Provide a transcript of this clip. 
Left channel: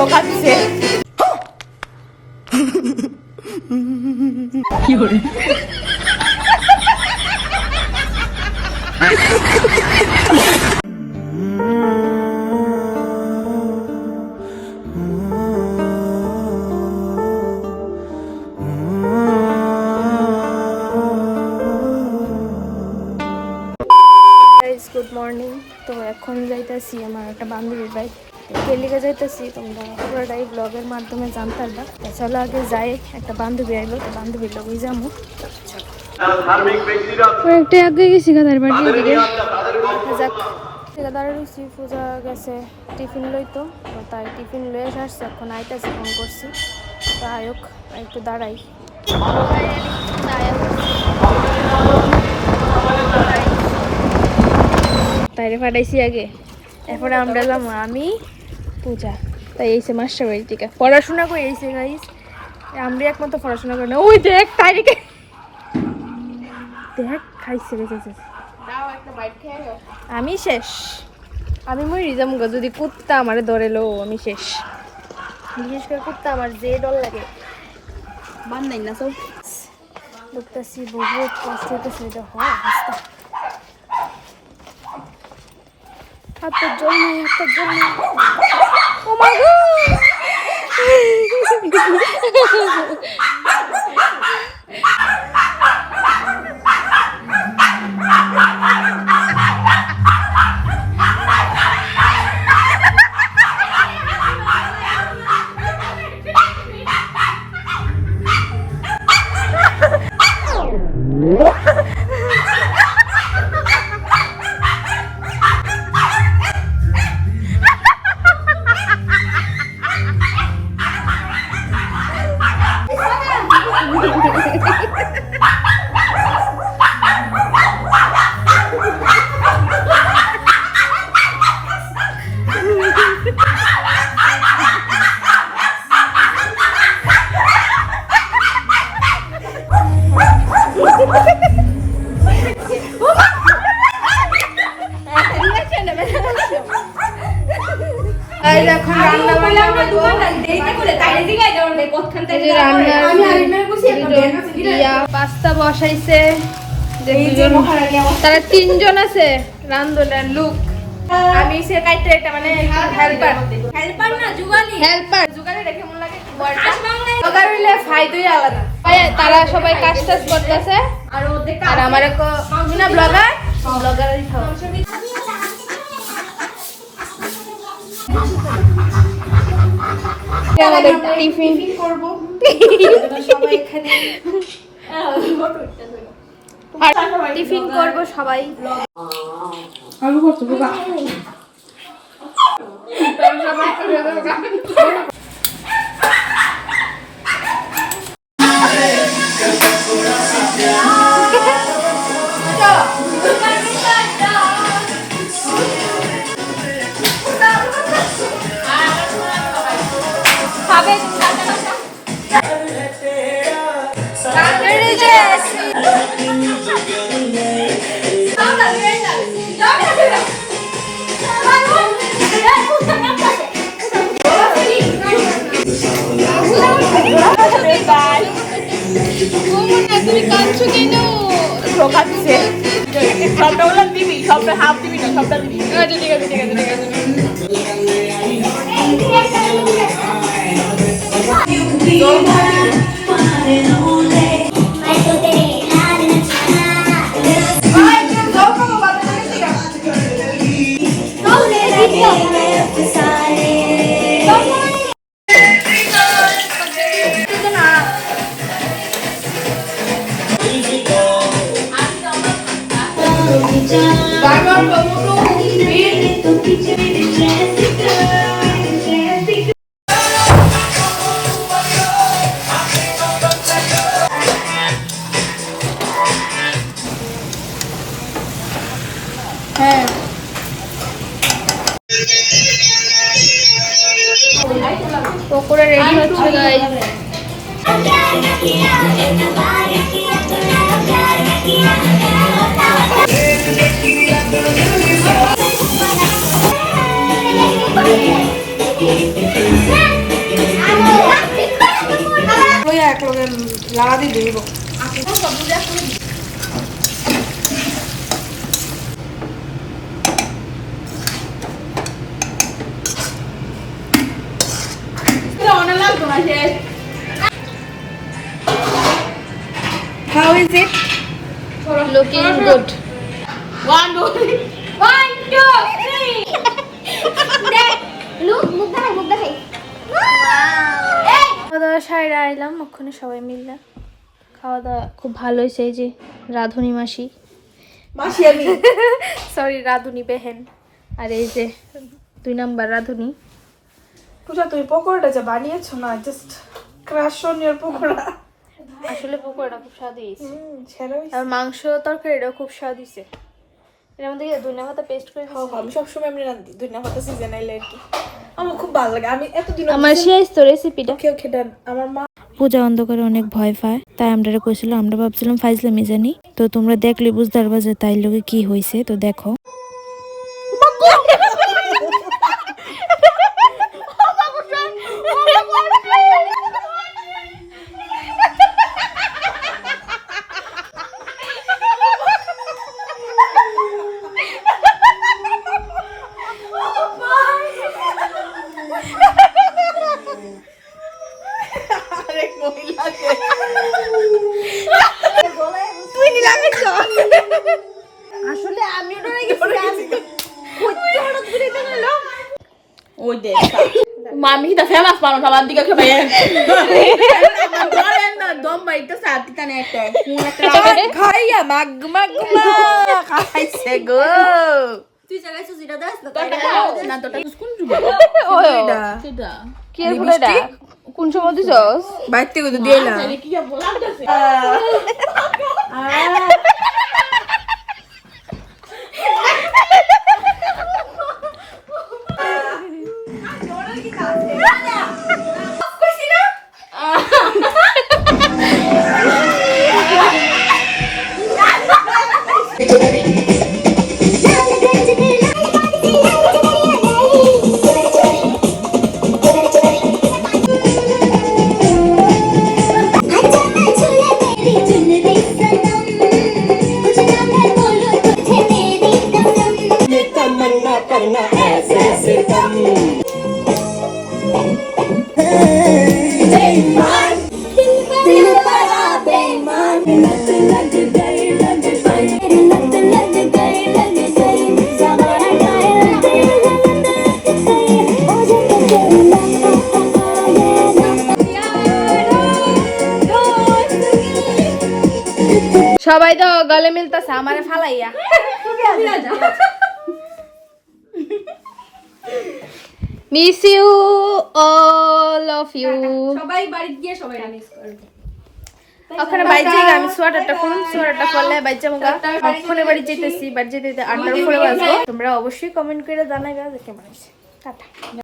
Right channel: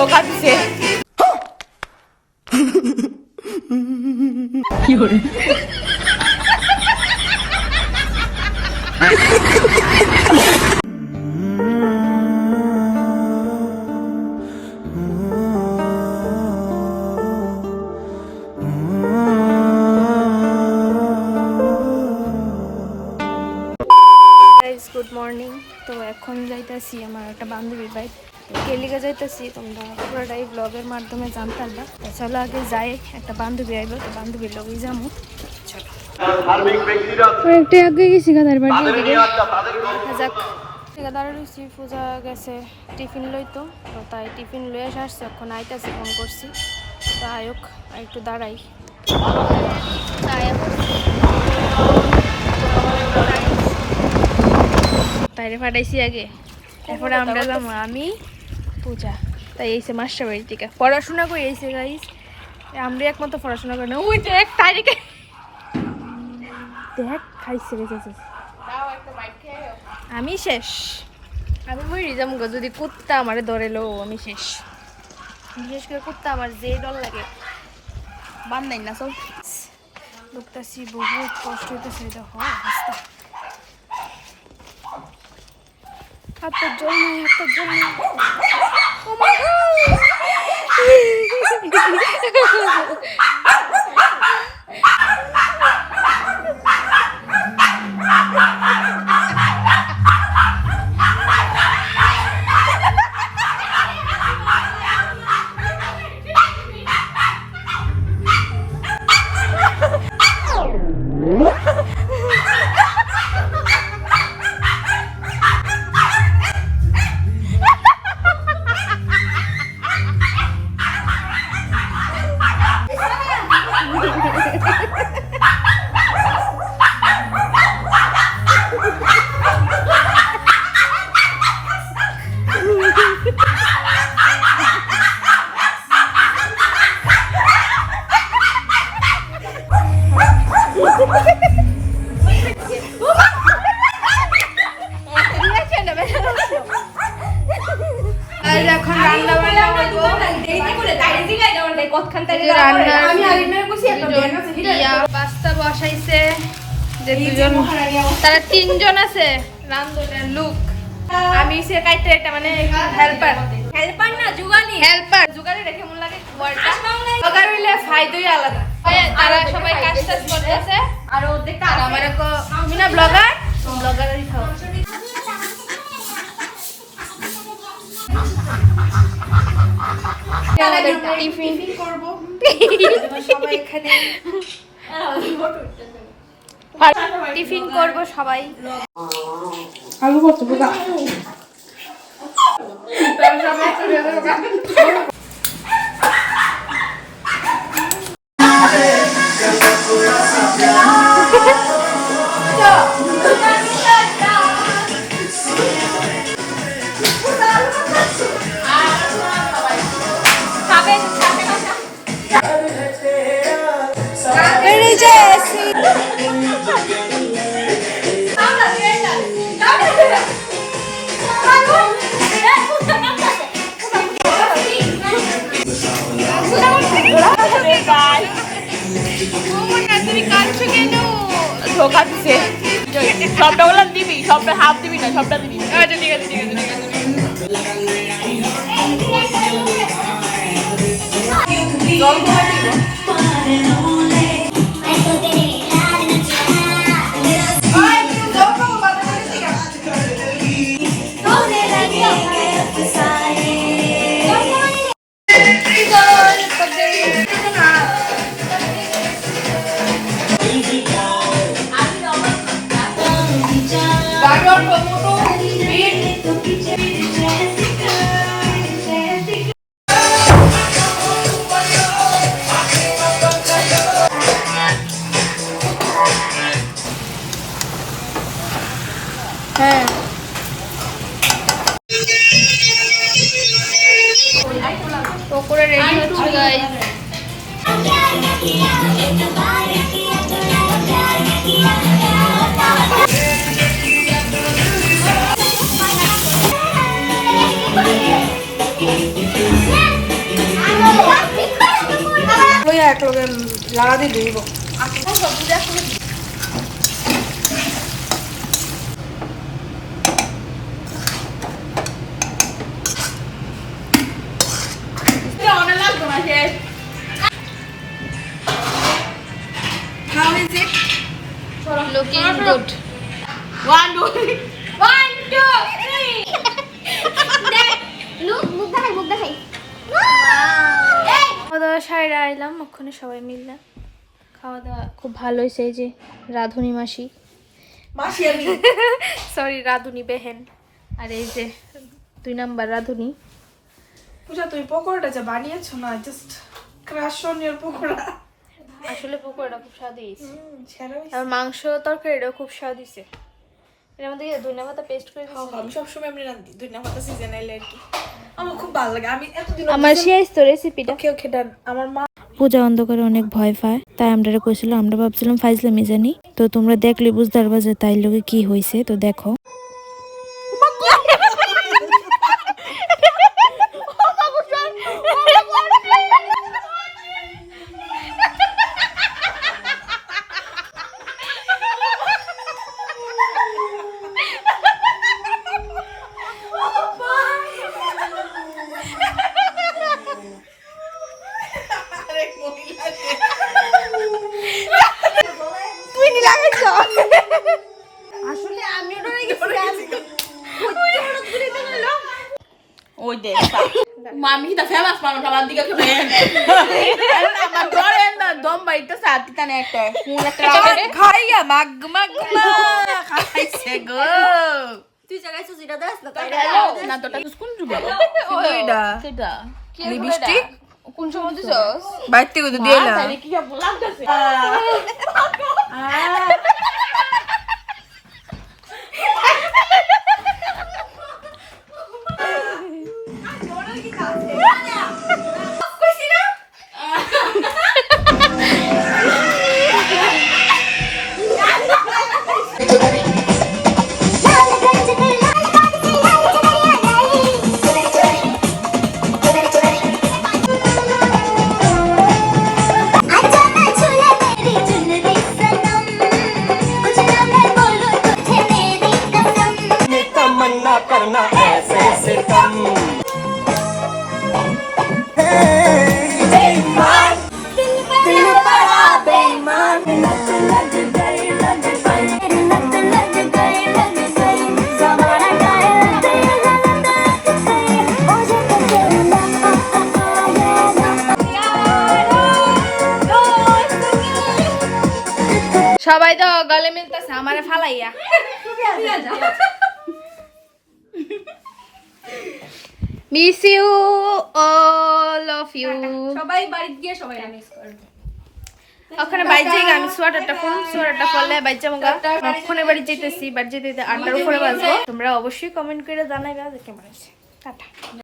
ধোকা দিছে কি করে গুড মর্নিং। তো এখন যাইতেছি আমার একটা বান্ধবীর বাড়ি। কেলিকা যাইতেছি, তোমরা পুরোটাই ব্লগের মাধ্যমে জানতে পারবা। চলো আগে যাই, একটা বান্ধবী আইলো, তো বান্ধবীর লগেই যাবো। চলো একটা আগে গেছি গাদার বাড়ি, যাক ঠিকাদারের রুচি পূজা গেছে টিফিন লইতো, তো তাই টিফিন লয়ে আসছে। এখন আইতাছে, ফোন করছি তো আয়োক একটু দাঁড়াই। তাইরে পাঠাইছি আগে, এরপরে আমরা যাবো আমি পূজা। তাই এইসে মাস্টার বাড়ি থেকে পড়াশোনা করে এইসে গাইস। আমরা একমাত্র পড়াশোনা করি না। ওই দেখ তাইরিকে দেখ খাইছে গেছে। আমি শেষ, আমি মই রিজাম গো। যদি কুত্তা আমারে ধরে লো আমি শেষ। বিশেষ করে কুত্তা আমার যে ডর লাগে। বান্ধাই না সব লুকতাছি, বহুত কষ্ট হইতেছে। দেখো অবস্থা, হাতের জল নাই, হাতের জল নাই। ও মা গো এখন রান্না বান্না করবো। পাস্তা বসাইছে, যে দুজন তারা তিনজন আছে রান্ধনের লোক। আমি সে কাইতে এটা মানে হেল্পার, হেল্পার না জুগালি, হেল্পার জুগালি রেখে মন লাগে ওয়ার্ডটা ওগার হইলে ফায়দাই আলাদা। তারা সবাই কাজ টাজ করতেছে আর ওদের আর আমারে কো মিনা ব্লগার ব্লগারই থাও। আমাদের টিফিন করব সবাই এখানে, টিফিন করব সবাই। আলু করতে বুঝা ধোকা দিছে। সবটা বললাম দিবি, সবটা হাফ দিবি না, সবটা দিবি। আচ্ছা ঠিক আছে ঠিক আছে ঠিক আছে। হ্যাঁ পকোড়া রেডি হচ্ছে গাইস। Yeah. লাগা দিয়ে দিব আচ্ছা সব বুঝা করে দিই এটা অনেক লাগতো না শেষ How is it? looking good 1 2 3 1 2 3 দেখ লুক মুখ দেখাই খাওয়া দাওয়া সাইডে আইলাম ওখানে সবাই মিললাম খাওয়া দাওয়া খুব ভালো হয়েছে এই যে রাধুনি মাসি আমি সরি রাধুনি বেহেন আর এই যে 2 নাম্বার রাধুনি পূজা তুমি পকোড়াটা যা বানিয়েছো না just crush on your pakora আসলে পকোড়াটা খুব স্বাদ হয়েছে সেরা আর মাংস তরকারিটাও খুব স্বাদ হয়েছে এর মধ্যে ধনিয়া পাতা পেস্ট করে দিয়েছি। আমি সবসময় এমনি রান্ধি ধনিয়া পাতা সিজন আইলে আর কি আমার খুব ভালো লাগে আমি এতদিন আমার শেষ তো রেসিপিটা ওকে ডান আমার মা পূজা অন্ধকারে অনেক ভয় পায় তাই আমরা কইছিল আমরা ভাবছিলাম ফাইজলামি জানি তো তোমরা দেখলে বুঝতে পারবা যে তাই লোকে কি হয়েছে তো দেখো আসলে আমি ডরে গেছিলাম কইতে হঠাৎ করে এটা হলো ওই দেখ মামি কি তা ফেমাস মানুষ আমার দিকে খেয়ে আমার ধরে না দম বাইতে সাথে কানে একটা কোন একটা খাইয়া মাগ খাইছে গো তুই জায়গায় সুজিটা দাস না না তোটা কোন জুবে ওইটা সেটা কি লিপস্টিক কোন সময় দিছস বাইতে কত দিলা কি বলাম কাছে সবাই তো গলে মিলতেছে আমারে ফালাইয়া miss you all of you সবাই বাড়ি গিয়ে সবাই মিস করবে ওখানে বাড়ি যাই আমি সোয়াটারটা করুন সোয়াটারটা করলে বাড়ি যাবো ওখানে বাড়ি যেতেছি বাড়ি যেতে 8টার উপরে বাজবো তোমরা অবশ্যই কমেন্ট করে জানাইবা যে কেমন আছে টাটা